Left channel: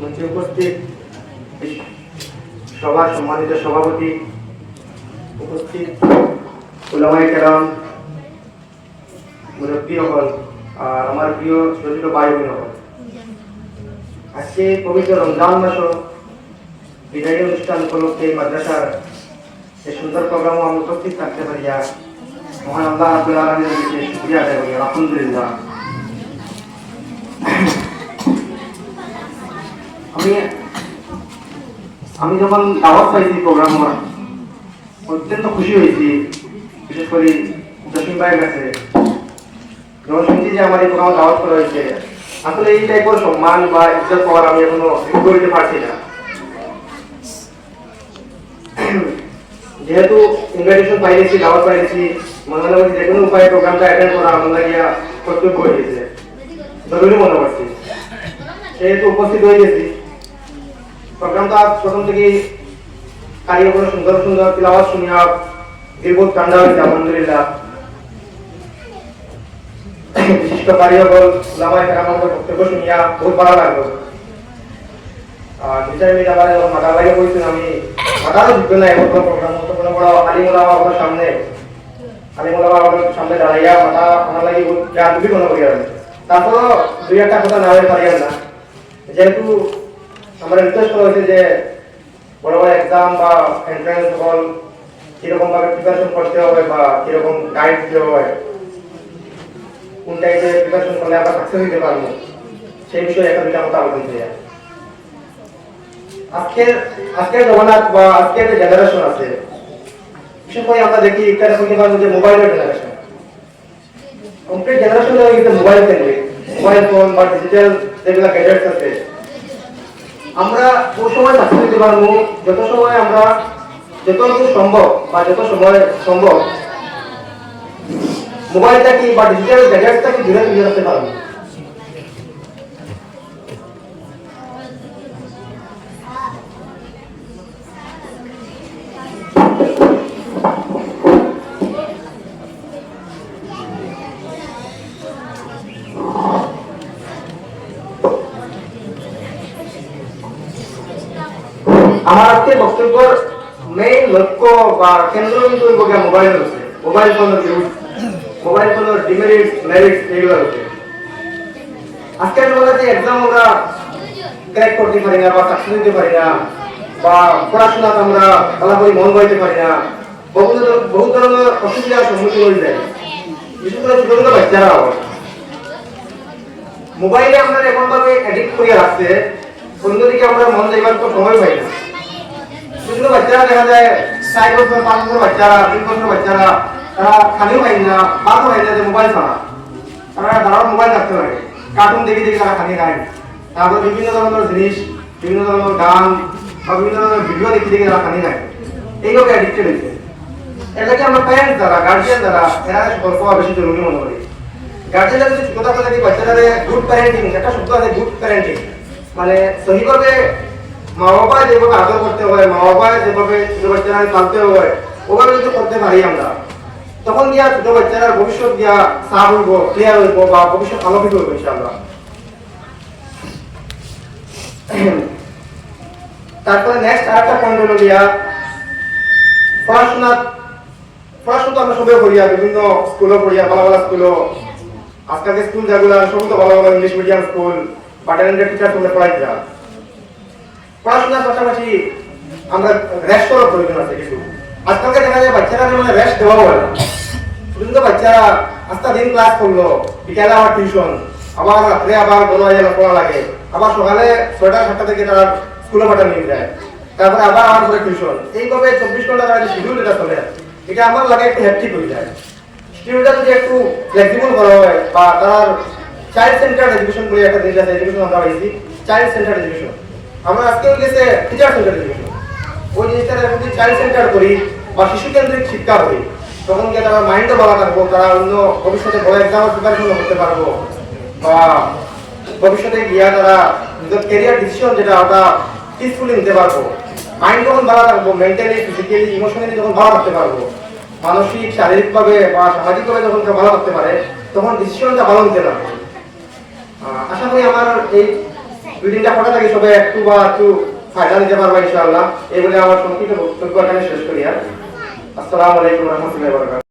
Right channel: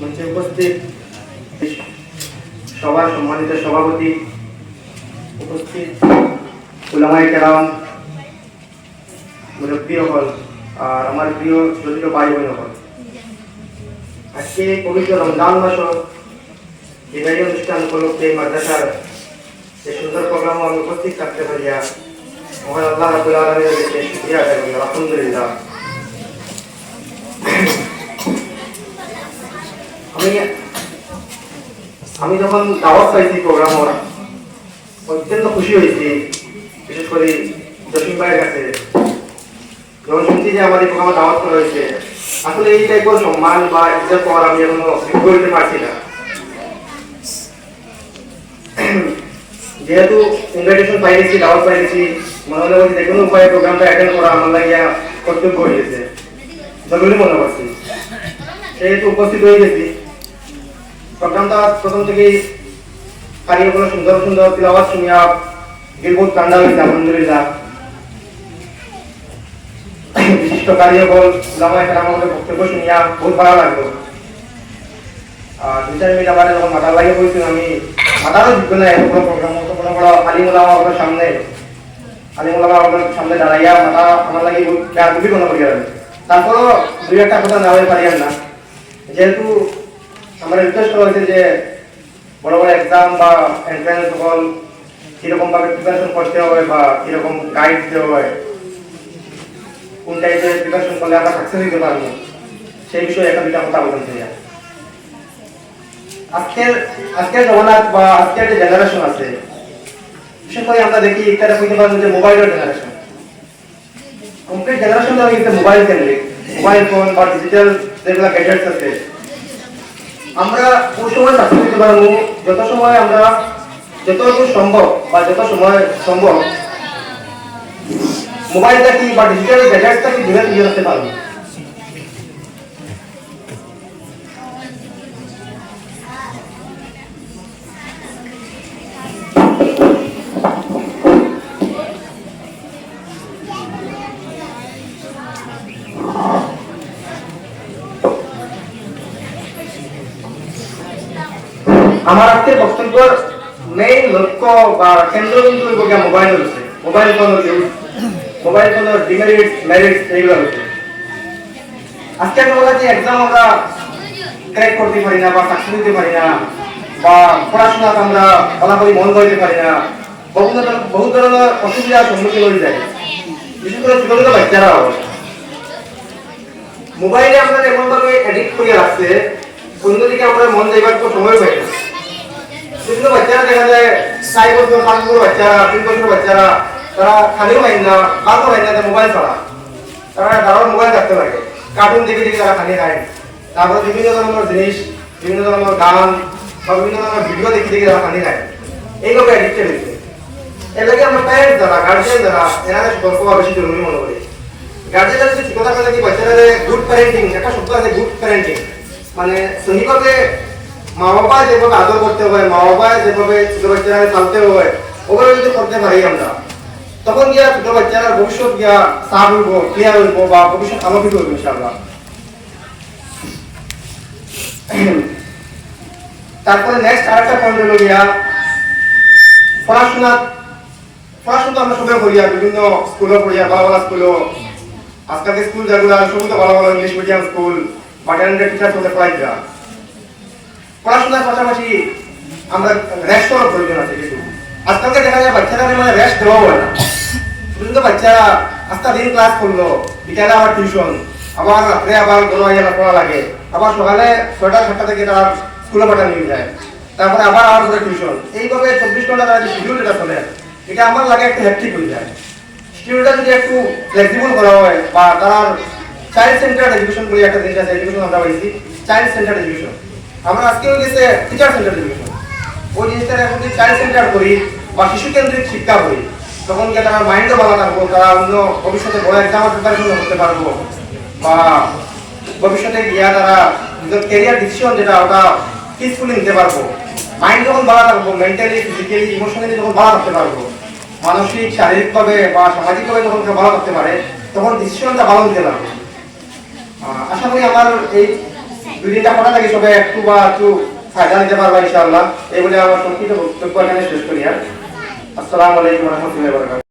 মঞ্চে উপস্থিত সবার সম্মানিত সভাপতি, উপস্থিত উলামায়ে কেরাম, মুরব্বী হল আর আমার প্রিয় ছোট ভাই বোন হল, আজকে পবিত্র রমজান মাস বিদায়ী অনুষ্ঠান উপলক্ষে মাদ্রাসার এই সুন্দর প্রোগ্রামও আমি উপস্থিত থাকতে পারিয়া মহান আল্লাহ রাব্বুল আলামিনের কাছে শুকরিয়া আদায় করি, আলহামদুলিল্লাহ। আমি যখন দাওয়াত পাইছি প্রোগ্রাম অত্যন্ত খুশি হয়েছি, বিশেষ করে জসিম ভাইয়ের কাছে যখন শুনছি যে আমার এই প্রোগ্রামে দাওয়াত করা হয়েছে। আসলে এই টাইপের সম্মান বা ইজ্জত পাওয়ার আমি এখনো করতে পারছি না। যেহেতু ইনভাইটেশন পাইছি, দাওয়াত পাইছি, মনে হলো যে কোনো উপায়ে প্রোগ্রামটা অ্যাটেন্ড করা আমার লাগিয়া কর্তব্য হয়ে গেছে, জরুরি মনে করছি। সেহেতু উপস্থিত হয়ে গেছি। প্রোগ্রামটা প্রথম থেকেই কারিগর সুন্দর সুন্দর তিলাওয়াত শুনিয়া দিল বহুত ঠান্ডা হয়েছে, আলহামদুলিল্লাহ। বিশিষ্ট কারিগর উলামায়ে কেরামের বক্তব্য শুনিয়া বহুত ভালো লাগলো। দুই চার মিনিট আমার যখন মাথা লাগিয়ে বলছিলাম, আমি মাথারও ঢুকবে না এরকম প্রোগ্রাম আলিম উলামার সামনে দাঁড়াইয়া মাথা আমার লাগে দুটি কোনো করিয়া যাবে। তারপরও দুই একটা কথা না হয়ে পারিয়াম না, যেহেতু আমরা রিকোয়েস্ট করা হয়েছে যে বড় বড় এক্সাম বা এন্ট্রান্স হল কিরকম ভাবে প্রিপারেশন করতে হবে বা কিরকম গাইড দিতে হয়, কোন টাইপের প্রিপারেশন করলে আমরা সাকসেস হইতে পারবো, সেই বিষয়ে একটা দুইটা কথা বলতে চাই। আজকের জমানাত বা আজকের যে জেনারেশন আছে, বিশেষ করে আমরা দেখি একটা হইতে পারবো যে মোবাইলের জেনারেশন। কমপ্লিট জেনারেশনটা হয়ে গেছে মোবাইল কেন্দ্রিক, মোবাইল ফোন বা ডিজিটাল যেগুলো গ্যাজেটস আছে। আমরা কোন সময় সাকসেস হতে পারবো, যত সময় আমরা যতটুকু সম্ভব বা যত সময় সম্ভব মোবাইলটাকে বা ডিজিটাল গ্যাজেটসটাকে দূরে নিয়ে রাখতে পারবো। আমার আজকের বক্তব্যের মেইন লক্ষ্য বা কেন্দ্রবিন্দু মোবাইল হচ্ছে, মোবাইল ফোনের ইউজ, মোবাইল ফোনের ডিমেরিটস মেরিটস এইগুলো হচ্ছে। আজকে আমরা যে এক্সাম আমরা ক্র্যাক করতে পারি না বা সাকসেস হতে পারি না বা পড়াশোনাতে আমরা ফলাফল মন বইতে পারি না, বহু ধরনের অসুবিধার সম্মুখীন হয়ে যায়, বিশেষ করে ছোট ছোট বাচ্চারা। মোবাইলে আমরা এমন ভাবে এডিক্ট করিয়া রাখছে, অন্যদিকে আমরা মন যাইবার তো সময় পাই না। ছোট বাচ্চারা দেখা যায় 4 বছর 5 বছর বাচ্চারা, 3 বছর বাচ্চারা, তারা খালিও খাই না, ভাতও খাই না, মোবাইল ছাড়া তারা দাঁড়াও মোবাইল থাকতে লাগে, কার্টুন দেখে দেখে তারা খালি খায়। তারপর বিভিন্ন ধরনের জিনিস, বিভিন্ন ধরনের গান বা বিভিন্ন ধরনের ভিডিও দেখে দেখে তারা খালি খায়, এইগুলো এডিক্টেড হয়েছে। এর লাগে আমরা প্যারেন্টস দ্বারা, গার্জিয়ান দ্বারা এরা সতর্ক হওয়া বেশি জরুরি মনে করি। গার্জিয়ানরা যদি কথা বলে কি বাচ্চারা গুড প্যারেন্টিং, একটা শব্দ আছে গুড প্যারেন্টিং, মানে সহিভাবে মা বাবা যেভাবে আদর করতে হয়, মা বাবা যেভাবে ছোট বাচ্চারা চালতে হয়, ওভাবে যদি করতে পারি আমরা, তখন গিয়া ছোট বাচ্চারা ভবিষ্যৎ গিয়া সাফ হইব, ক্লিয়ার হইব বা ভবিষ্যৎ আলোকিত হইব ইনশাআল্লাহ। তারপরে নেক্সট আরেকটা পয়েন্ট হলো গিয়া পড়াশোনা আমরা সবাই করিয়া, বিভিন্ন স্কুলে পড়িয়া, ভালো ভালো স্কুলও, আজকালকে স্কুল যেগুলো সব তো ভালো ভালো ইংলিশ মিডিয়াম স্কুল বা ট্যালেন্টেড টিচার বলে পড়াইরা। পড়াশোনার পাশাপাশি আমরা রেস্ট করার প্রয়োজন আছে কিছু। আজকালকে দেখা যায় বাচ্চারা মানে রেস্ট দেওয়া হয় না, কিন্তু বাচ্চারা আজকে দিন ক্লাস করলো, বিকালে আবার টিউশন, আবার রাত্রে আবার বড় হয়ে পড়া লাগে, আবার সকালে 6টা 7টা থেকে তারা স্কুলে পাঠানো নিয়ে যায়, তারপরে আবার করে টিউশন, এইভাবে 24 ঘন্টা তারা যে শিডিউল এটা চলে, এটা আমার লাগে একটু হ্যাপটিক হয়ে যায়। শিডিউলটা যদি একটু ফ্লেক্সিবল করা হয় বা তার চাইল্ড সেন্টার্ড এডুকেশন বলে একটা জিনিস আছে, এডুকেশন আমরা পাইছি চাইল্ড সেন্টার্ড এডুকেশন, আমরা আজকে হয়ে গেছে টিচার সেন্টার্ড এডুকেশন। ওই জিনিসটা এখন যদি চাইল্ড সেন্টার করি বা শিশু কেন্দ্রিক শিক্ষা করি, তখন গিয়ে তারা মাইন্ডও ভালো থাকবো, তারা অন্য ভবিষ্যতে বড় এক্সামের প্রিপারেশন করতে পারবো বা ভবিষ্যতে গিয়া তারা নিজের ক্যারিয়ার ডিসিশন যেটা ওটা পিসফুলি নিতে পারবো। মাইন্ড যখন ভালো থাকবো, মেন্টালি ফিজিক্যালি ইমোশনালি যখন ভালো থাকতে পারবো, মানসিক শারীরিকভাবে বা সামাজিকভাবে যখন ভালো থাকতে পারে, তখন ডিসিশনটা ভালো নিতে পারবে। আশা করি আমার এই দুই তিনটা কথা থাকি সবাই একটু বা একটু ফায়দা নিতে পারবা ইনশাআল্লাহ। এই বলে আমার সংক্ষিপ্ত বক্তব্য এখানে শেষ করি। আসসালামু আলাইকুম ওয়া রাহমাতুল্লাহি ওয়া বারাকাতুহু।